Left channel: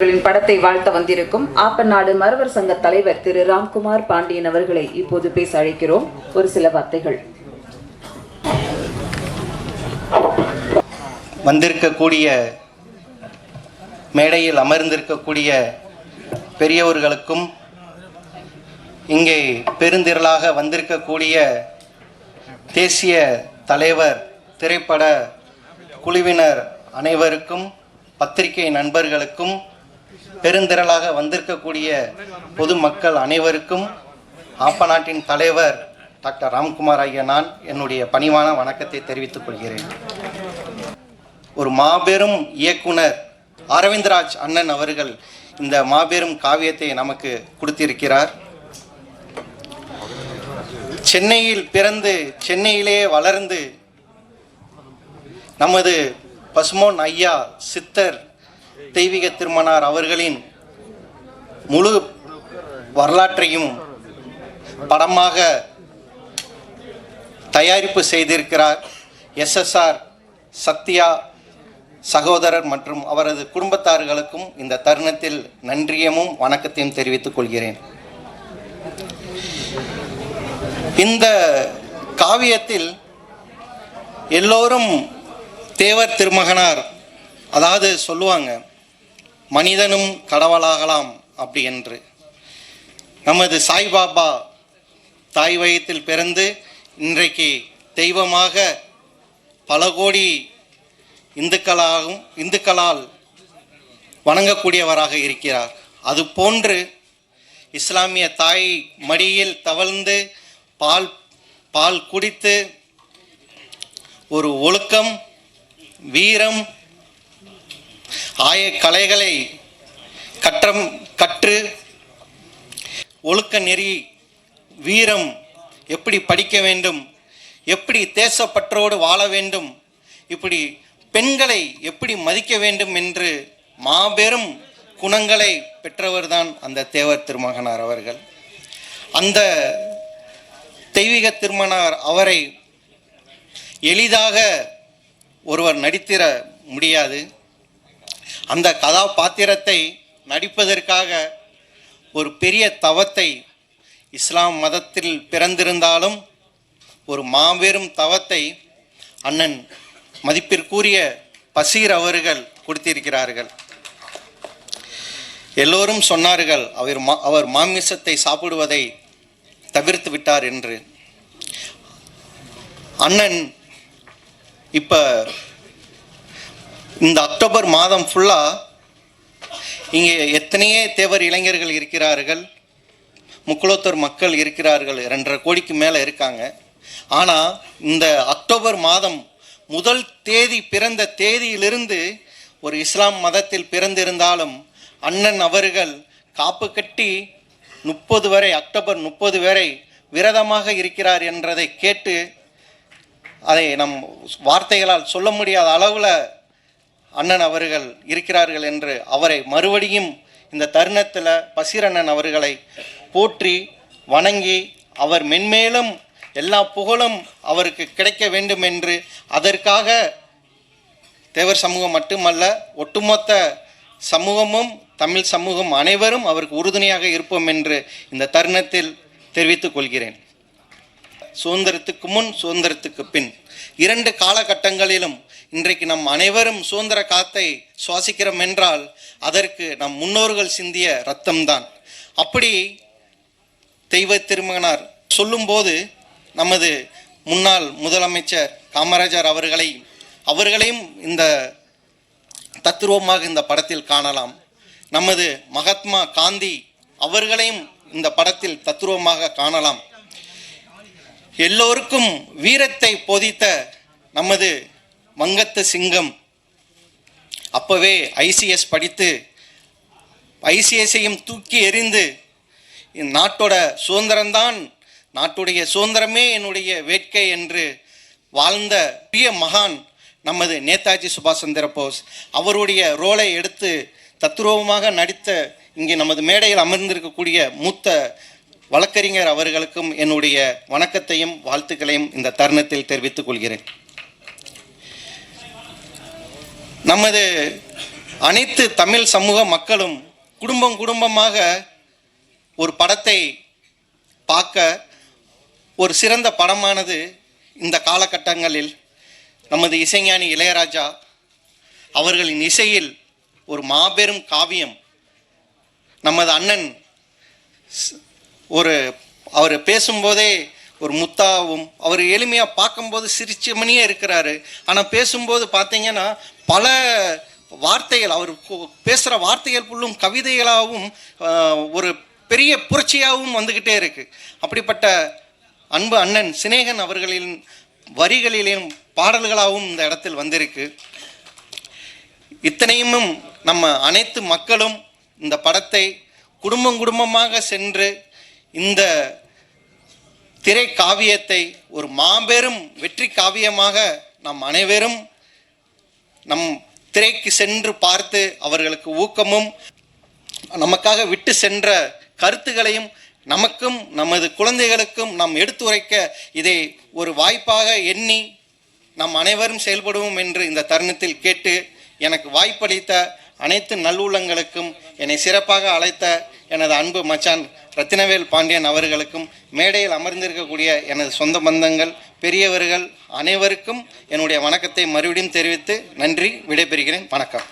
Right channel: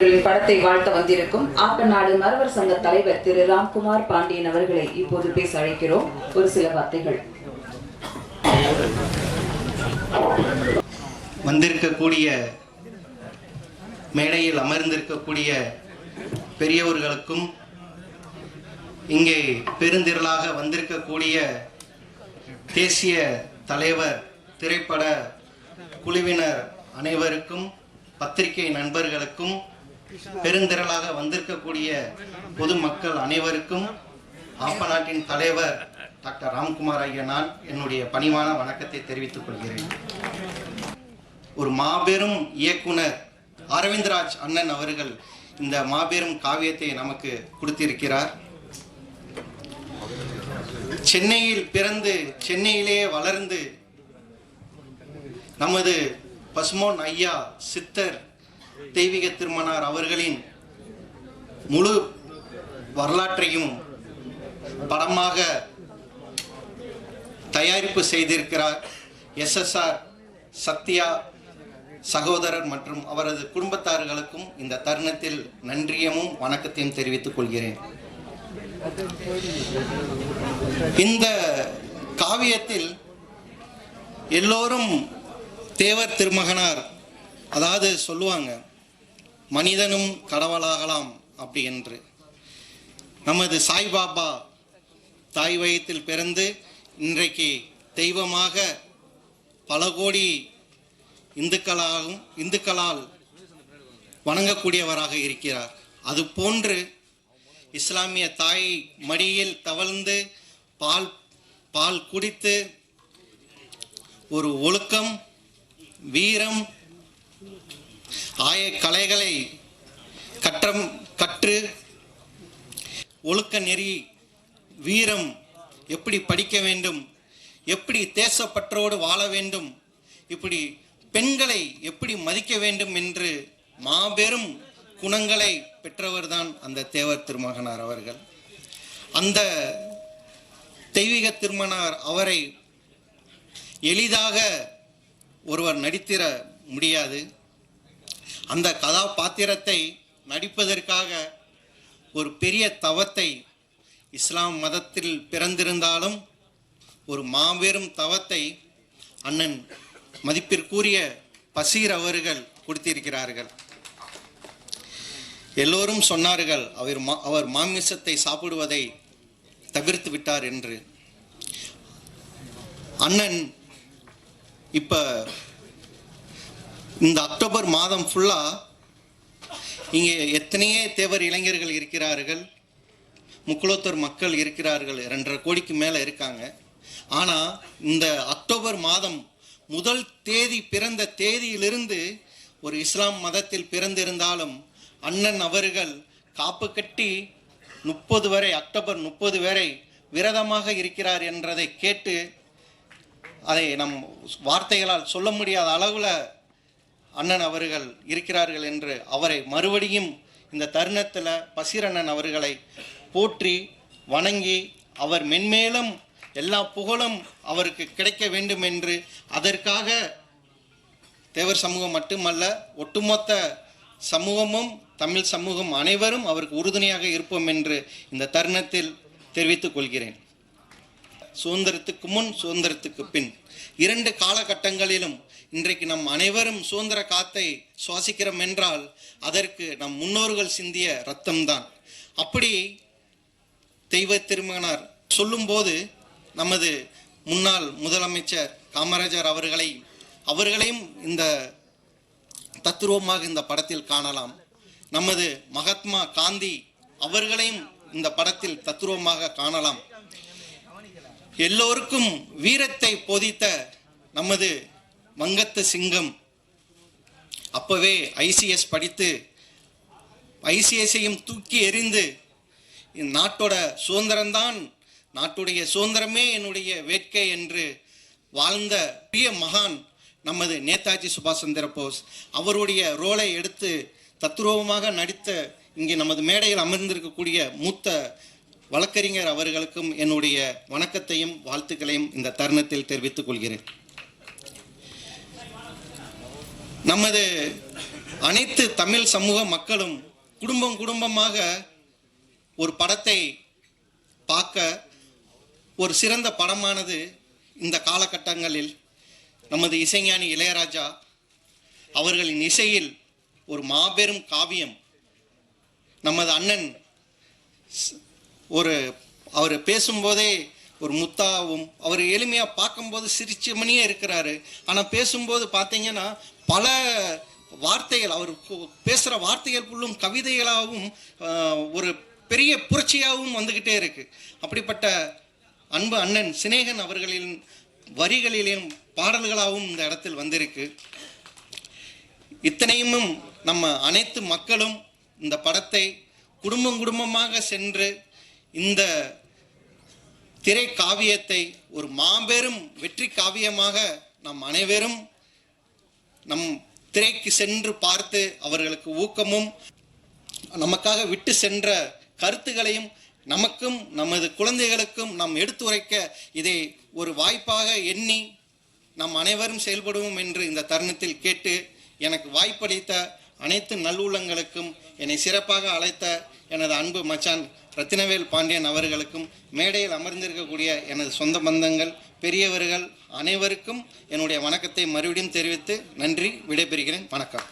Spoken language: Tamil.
படத்தை வாழ்த்த வந்திருக்கும் ஆப்பநாடு மறவர் சங்க தலைவர் திரு ராம்குமார் பாண்டியன் அவர்களை இப்போது பேச அழைக்கிறோம். ஒரு சில வார்த்தைகள். வந்திருக்கக்கூடிய மேடையில் அமர்ந்திருக்கக்கூடிய பெரியவர்களுக்கும் இங்கே பெருந்திரளாக வந்திருக்கக்கூடிய தேசிய தலைவர் திரைப்பட குழுவினர் அனைவருக்கும், பத்திரிகை நண்பர்களுக்கும், பெருந்திரளாக வந்திருக்கக்கூடிய பொதுமக்கள் அனைவருக்கும் ஆப்பநாட்டின் தலைவர் டாக்டர் ராம்குமார் ஆகிய நான் என்னுடைய பணிவான வணக்கத்தை தெரிவித்துக் கொள்கிறேன். ஒரு மாபெரும் இயக்குனர் அரவிந்த்ராஜ் அண்ணன் அவர்கள் இந்த மாபெரும் காவியத்தை நமக்கு கொடுத்திருக்கிறார். சென்னையில் பிறந்து சென்னையிலே வளர்ந்து நமது பசுமோன் ஐயா சித்தர் தெய்வீக திருமணார் அவர்களின் முழு வரலாற்றையும் படமாக தயாரிப்பு செய்திருக்கிறார். SSR சத்யா சகோதரர் மற்றும் அவரது குடும்பத்தார்களுக்கும் இந்த தருணத்தில் நன்றியமும் வணக்கத்தையும் தெரிவித்துக் கொள்கிறேன். இந்த காவியத்தில் எல்லோரும் தேவர் திருமகனார், அதாவது சொல்லுவாங்க மனிதனும் கடவுளாகலாம் அப்படி என்று. நமது சாய்பாபா தாய் வயிற்றில் பிறந்து இன்றைக்கு தெய்வமாக பல கோடி இந்துக்களால் வணங்கக்கூடியவராக இருக்கிறார். அது போன்று இஸ்லாமிய தாய் மடியில் தவழ்ந்து பால் குடித்து ஒரு ஒழுக்கம், வீரம், ஆய கலைகளை கற்று ஒழுக்க நெறி, வீரம் எப்படி படிக்க வேண்டும், எப்படி தேசப்பற்றோடு வாழ வேண்டும், இப்படி பெண்களை எப்படி மதிக்க வேண்டும் என்று மாபெரும் குணங்களை பெற்றவர்தான் அந்த தேவர் திருமகனார் அவர்கள். அந்த தெய்வீக திருமணார் அவரை எளிதாக ஒருவர் நடித்திட முடியாது. அந்த கதாபாத்திரத்தை நடிப்பதற்காக ஒரு பெரிய தவத்தை, இஸ்லாம் மதத்தில் பிறந்திருந்தாலும் ஒரு மாபெரும் தவத்தை அண்ணன் மதிப்பிற்குரிய பசீர் அவர்கள் கொடுத்திருக்கிறார்கள். எல்லோரும் சொன்னார்கள் அவர் மாமிசத்தை சாப்பிடுவதை தவிர்த்து விட்டார் என்று. அண்ணன் இப்ப இந்த அக்டோபர் மாதம் ஃபுல்லா இங்கே எத்தனையே தேவர் இளைஞர்கள் இருக்கிறார்கள், முக்குளத்தூர் மக்கள் இருக்கிறார்கள், 2.5 கோடிக்கு மேலே இருக்காங்க. ஆனால் இந்த அக்டோபர் மாதம் முதல் தேதி பிறந்த தேதியிலிருந்து ஒரு இஸ்லாம் மதத்தில் பிறந்திருந்தாலும் அண்ணன் அவர்கள் காப்பு கட்டி 30 வரை, அக்டோபர் 30 வரை விரதமாக இருக்கிறார் என்றதை கேட்டு அதை நம் வார்த்தைகளால் சொல்ல முடியாத அளவில் அண்ணன் அவர்கள் இருக்கிறார்கள் என்று அவரை மறுபடியும் இந்த தருணத்தில் பசீரண்ணன் அவர்களை போற்றி வணங்கி அவர் மென்மேலும் எல்லா புகழும் அவருக்கு கிடைக்க வேண்டும் என்று, அதற்காக தேவர் சமூகம் மட்டுமல்ல ஒட்டுமொத்த சமூகமும் தமிழ் சமூகம் அனைவரும் அவருக்கு உறுதுணையாக இருப்போம் என்று இந்த தருணத்தில் தெரிவித்துக் கொள்கிறேன். சுதந்திரத்துக்கு முன், சுதந்திரத்துக்கு பின் 2 காலகட்டங்களிலும் இன்றைக்கு நம் அனைவரும் சுதந்திர காத்தை சுவாசிக்கிறோம் என்றால் அதற்கு நம் முன்னோர்கள் சிந்திய ரத்தம்தான். அப்படி தெய்வ திருமகனார் சொல்லும்போது நமது முன்னாள் முதலமைச்சர் காமராஜர் அவர்களையும் இந்த தத்துருவமாக இந்த படத்தில் காணலாம். நமது மகாத்மா காந்தி அவர்களையும் இந்த படத்தில் தத்துருவமாக காணலாம். எல்லோருக்கும் வீரத்தை போதித்த நமது வங்கத்து சிங்கம் அப்பவே ICS படித்து ICSஐயும் தூக்கி எறிந்து நாட்டோட சுதந்திரம்தான், நாட்டுடைய சுதந்திரமே என்னுடைய வேட்கை என்று வாழ்ந்த பெரிய மகான் நமது நேதாஜி சுபாஷ் சந்திர போஸ். அவருடைய ரோலை எடுத்து தத்துரூபமாக நடித்த இங்கே நமது மேடையில் அமர்ந்திருக்கக்கூடிய மூத்த வழக்கறிஞர் அவர்களுக்கும் என்னுடைய வணக்கத்தையும் வாழ்த்துக்களையும் இந்த தருணத்தில் தெரிவித்துக் கொள்கிறேன். நமது அனைத்து தமிழ் சமூக மக்களும் குடும்பம் குடும்பமாக ஒரு படத்தை பார்க்க ஒரு சிறந்த படமானது இந்த காலகட்டங்களில் நமது இசைஞானி இளையராஜா அவர்களின் இசையில் ஒரு மாபெரும் காவியம். நமது அண்ணன் அவர் பேசும்போதே ஒரு முத்தாவும், அவர் எளிமையாக பார்க்கும்போது சிரிச்சமணியே இருக்கிறாரு. ஆனால் பேசும்போது பார்த்தீங்கன்னா பல வார்த்தைகள், அவர் பேசுகிற வார்த்தைகள் ஃபுல்லும் கவிதைகளாகவும் ஒரு பெரிய புரட்சியாகவும் வந்துக்கிட்டே இருக்கு. அப்படிப்பட்ட அன்பு அண்ணன் சினேகன் அவர்களின் வரிகளிலும் பாடல்களாகவும் இந்த இடத்தில் வந்திருக்கு. இத்தனையும் நம்ம அனைத்து மக்களும் இந்த படத்தை குடும்பம் குடும்பமாக சென்று இந்த திரை காவியத்தை ஒரு மாபெரும் வெற்றி காவியமாக நம் அனைவரும் நம் திரைக்கு சென்று பார்த்து அவர்களுக்கு ஊக்கமும் நமக்காக விட்டு சென்ற கருத்துகளையும் நமக்கும் நமது குழந்தைகளுக்கும் நாம் எடுத்துரைக்க இதை ஒரு வாய்ப்பாக எண்ணி நாம் அனைவரும் செயல்படுவோம் என்று இந்த தருணத்தில் கேட்டு, எனக்கு வாய்ப்பளித்த அனைத்து நல்லுள்ளங்களுக்கும், என்னை சிறப்பாக அழைத்த எனது அன்பு மச்சான் ரத்தினவேல் பாண்டியன் அவர்களுக்கும், மேடையில் அமர்ந்திருக்கக்கூடிய எனது சொந்த பந்தங்கள், பெரியவர்கள் அனைவருக்கும் என்னுடைய வணக்கத்தை மறுபடியும் தெரிவித்து நன்றி, விடைபெறுகிறேன். வணக்கம்.